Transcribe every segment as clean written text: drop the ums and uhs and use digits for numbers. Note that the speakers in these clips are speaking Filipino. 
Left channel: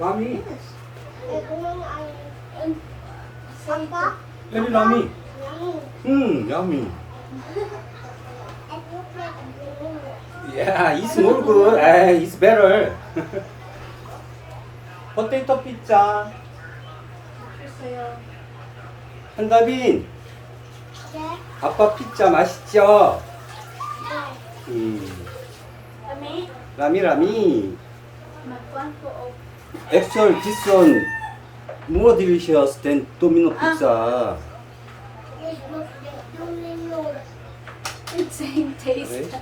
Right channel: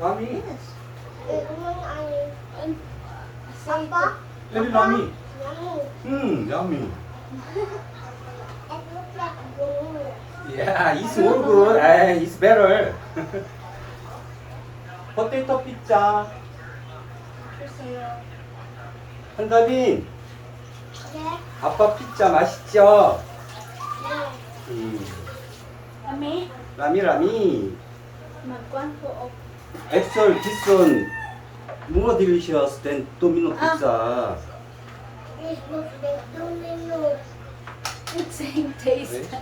Rami? Papa? Maybe Rami. Yummy. Yummy. It looks like Domino. Yeah, it's more good. It's better. 포테이토 피자. 한가빈, Yeah. 아빠 피자 맛있죠? Yeah. Kami, 라미. nagkuhan po o. Actually, this one more delicious than Domino pizza. This looks like Domino. It's same taste.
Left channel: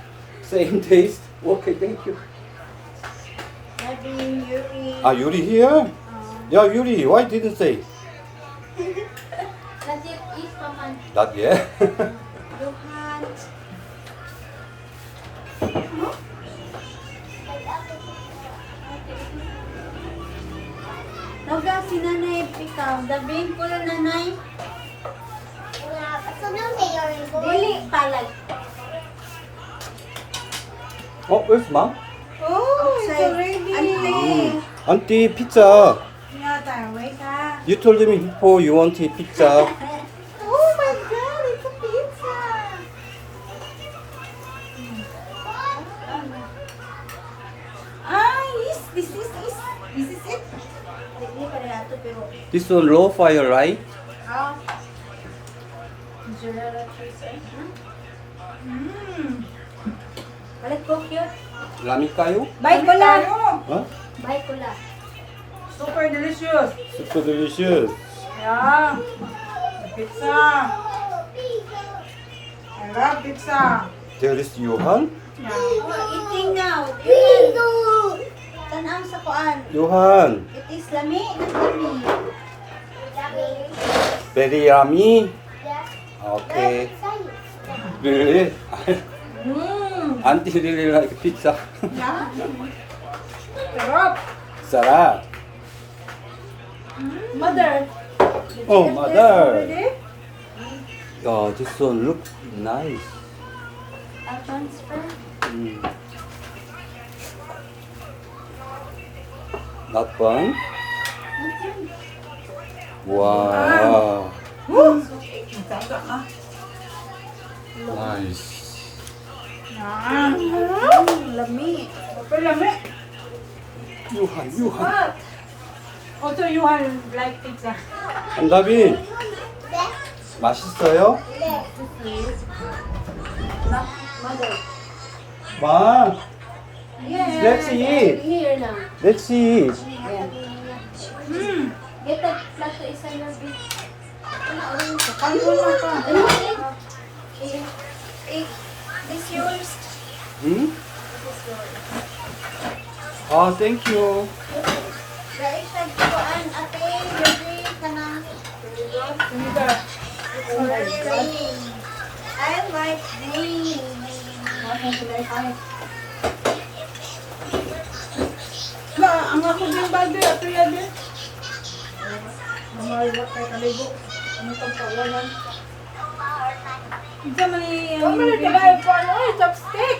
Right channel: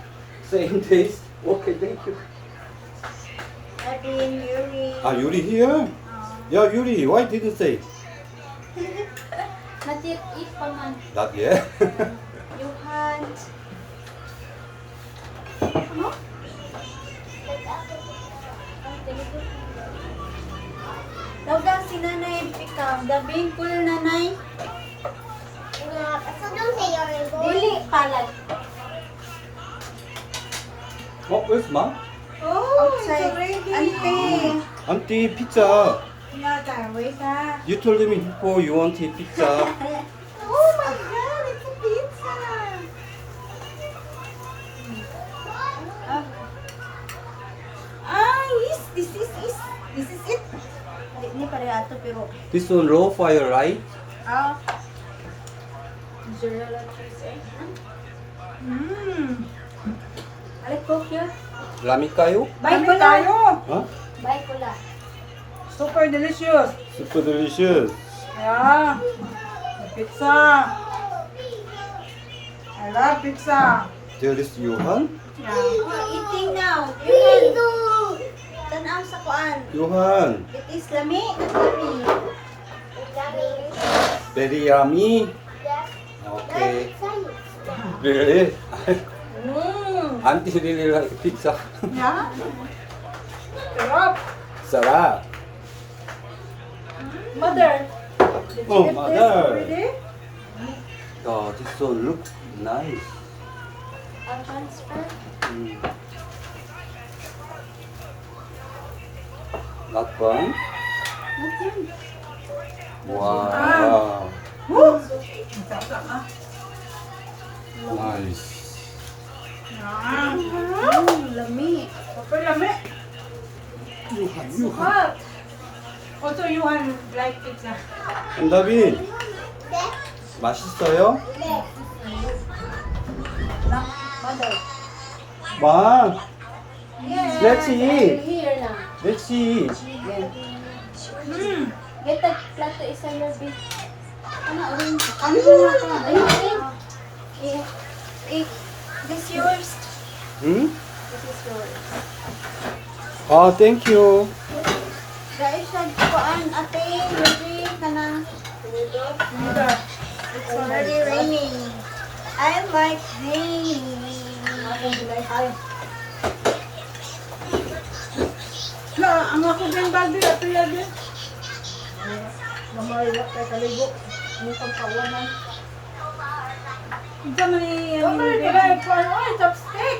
Same taste. Okay, thank you. Nadine, Yuri. Yuri here? Yeah, Yuri, why didn't say? Not yet eat pa man. Not yet. Johan. Daw si nanay pikam. Dabing kulo nanay. So don't say you're going. Dili palag. Oh, where's mom? Oh, it's already. Ante. Auntie, pizza. Yata, wait ah. You told me before you want pizza. Oh my God, it's a pizza. This is it. Hindi pa rin ato pero This one low fire, right? mozzarella cheese. Balik ko cute. 라미 까요? Bye ko lang. Huh? Bye ko lang. Super delicious. Super delicious. Yeah. The pizza. I love pizza. There is Johan. Yeah. Eating now. Tanaw sa kuan. Johan. It is lami and lami. Very yummy. Okay. Really? Auntie really like pizza. Yeah. Sarap. Sarap. Mother. Oh, Did you get this mother. already? Oh, this one looks nice. I'll transfer. Not one? Not yun. Wow. Nice. Lami. Super yummy. Johan. What? Also, you like pizza. 한다빈, 맛있어요? Mother. 마, Yeah. Let's eat. Here now. let's see. Yeah. Get that plato isa your bit. Ano orange? Ano this yours. 응? This is yours. Thank you. Guys, nagkuan ate, baby kana. It's already raining. I like raining. Ang ako yung bago, ito yan din. Mamayalak kay kaligo. Yung pagkawanan. Ito man yung chopstick.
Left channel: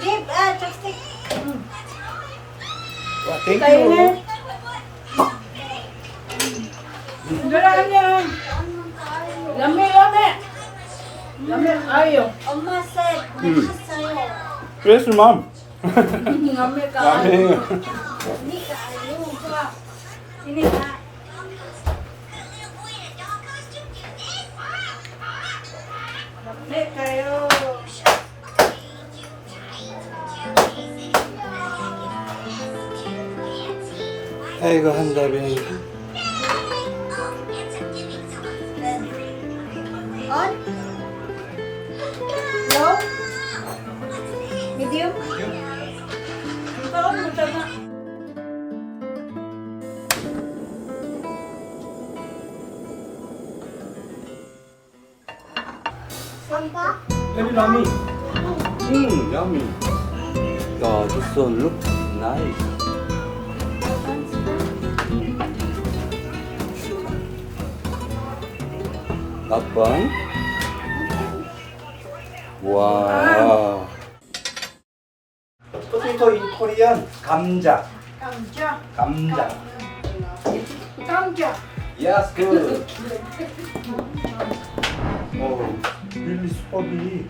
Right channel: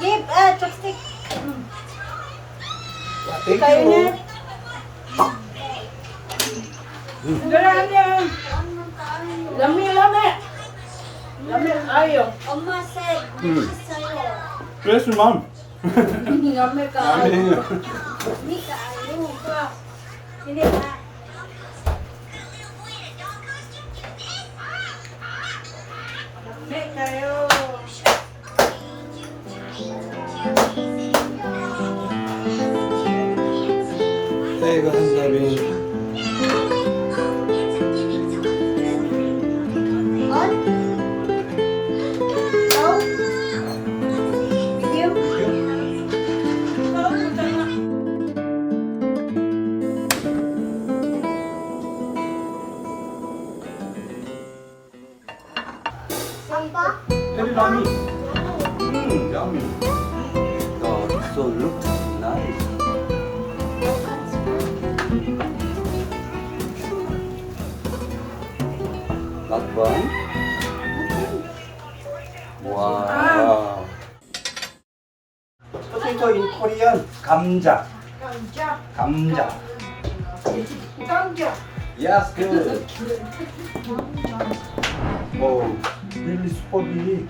Give chopstick. Thank you. Galaan yan. Lami. Lami, ayo. Oma said, sa'yo. Where's your mom? Lami ka. Hindi ka, hindi mo ka. Hindi ka. Lami kayo. 아이고 한다빈. On? Go? With you? Papa? Very yummy. Yummy. This one looks nice. Not one? Wow. Potato potato in Korean 감자. 감자. 감자. 감자. Yes, good. Oh, really super big.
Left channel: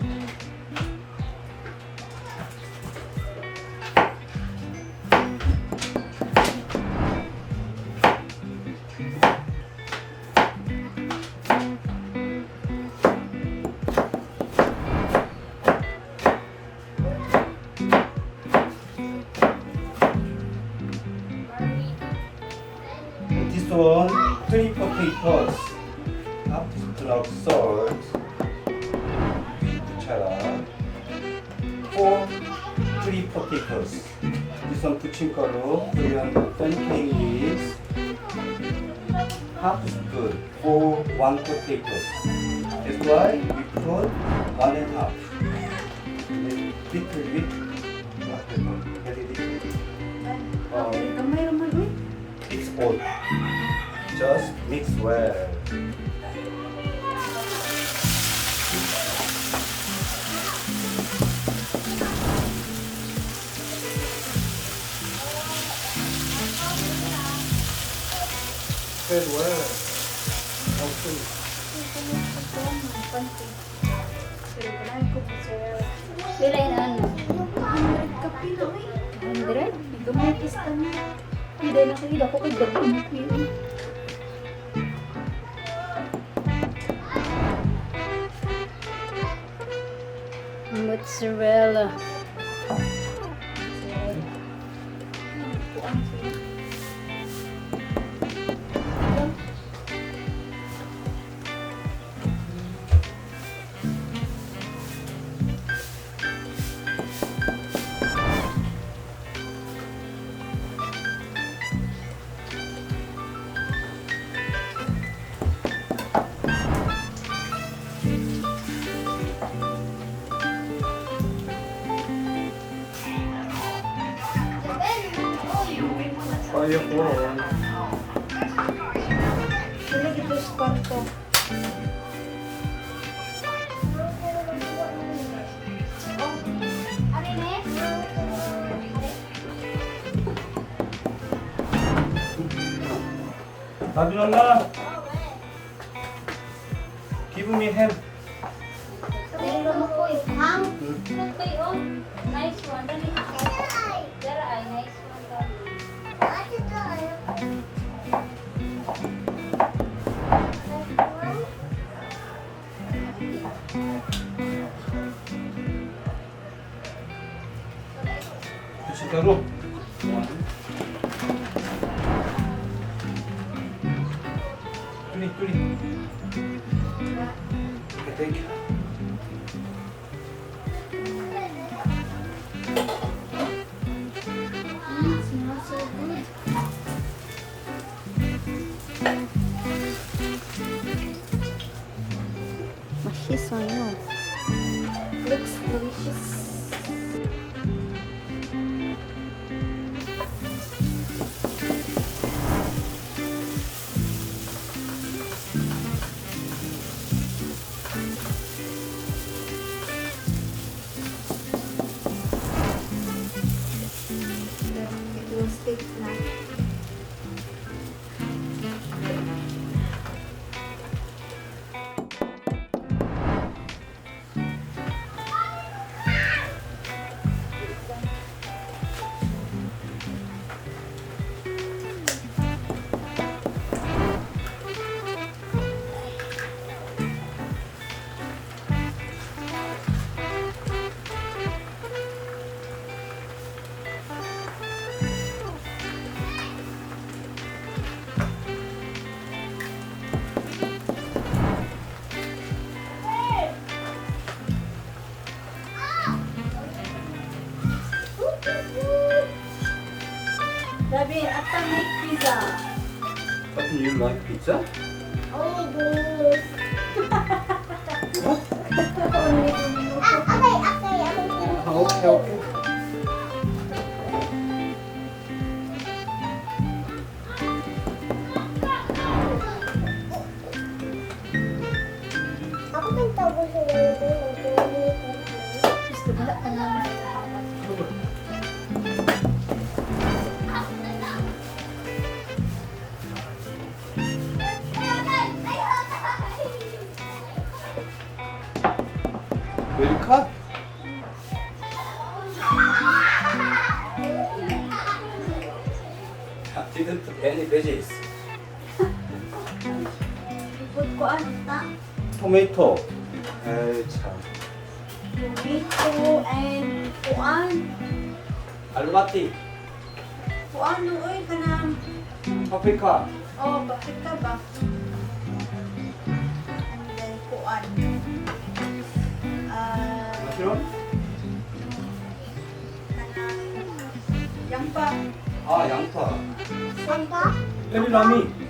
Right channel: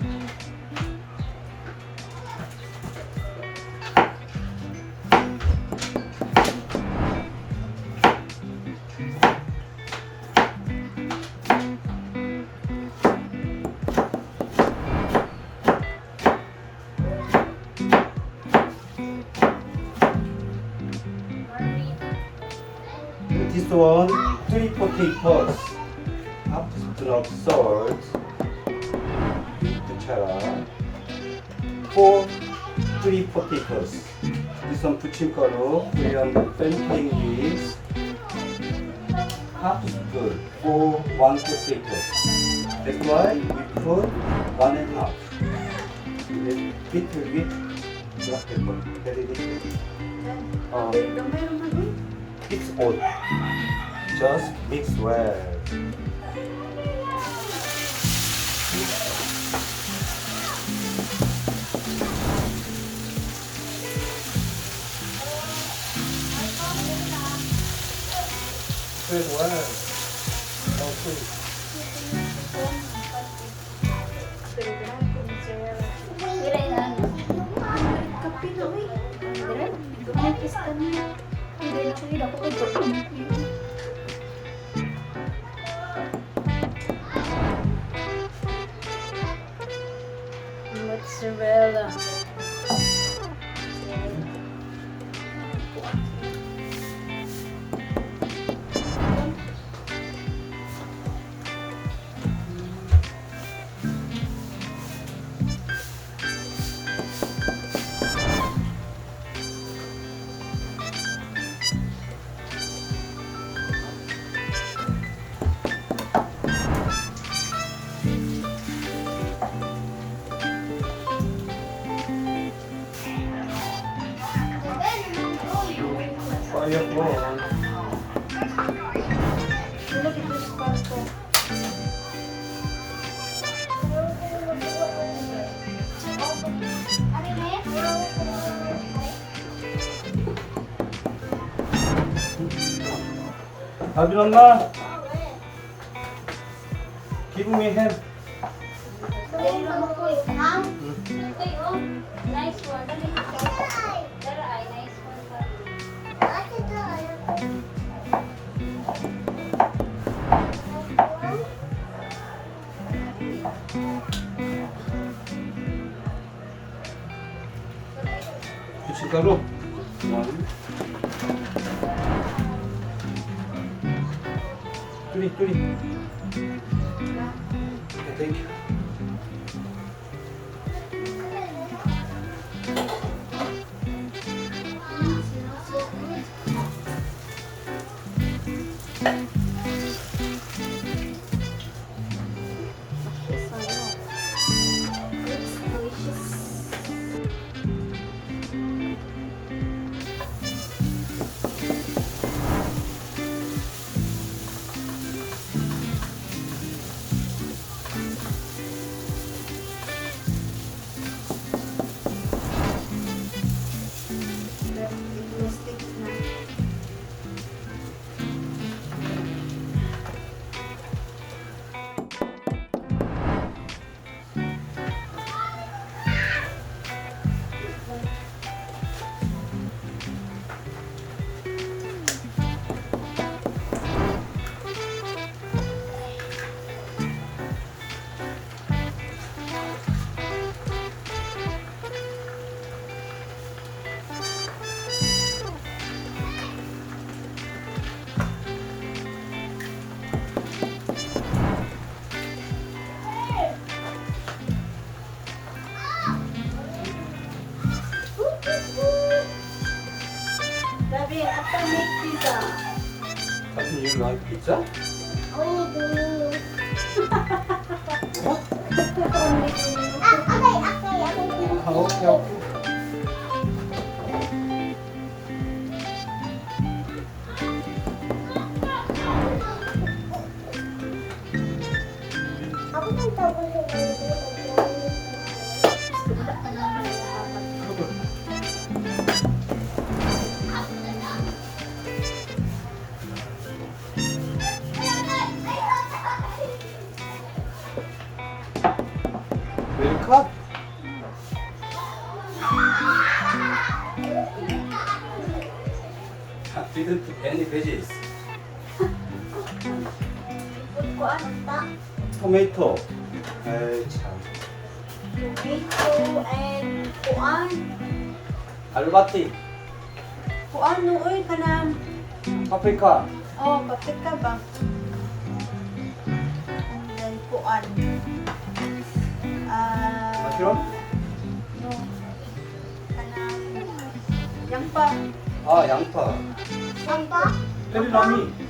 This one, 3 potatoes, half spoon of salt, 부쳐라. 3 potatoes. This one 부침가루, Korean pancake mix, half spoon for 1 potato. That's why we put 1.5. Little bit black pepper, very little. It's all. Just mix well. Spread well. Okay. Mozzarella. Fire on. 나비 엄마. Give me hand. Nice one. There ay nice one. 부침가루. 뚜리. Thank you. Looks delicious. Sabi, atomic pizza. But you like pizza? What? Okay. 웰카? Didn't put any veggies. Ikot ko ata. 토마토. 에이 참. Tomato and kuan. 알마티. Kuan no oy kanang 파프리카. paprika ba? And then kuan. 싫어? No. Kanang yampa. 아 양파. Sampa? 레미나미.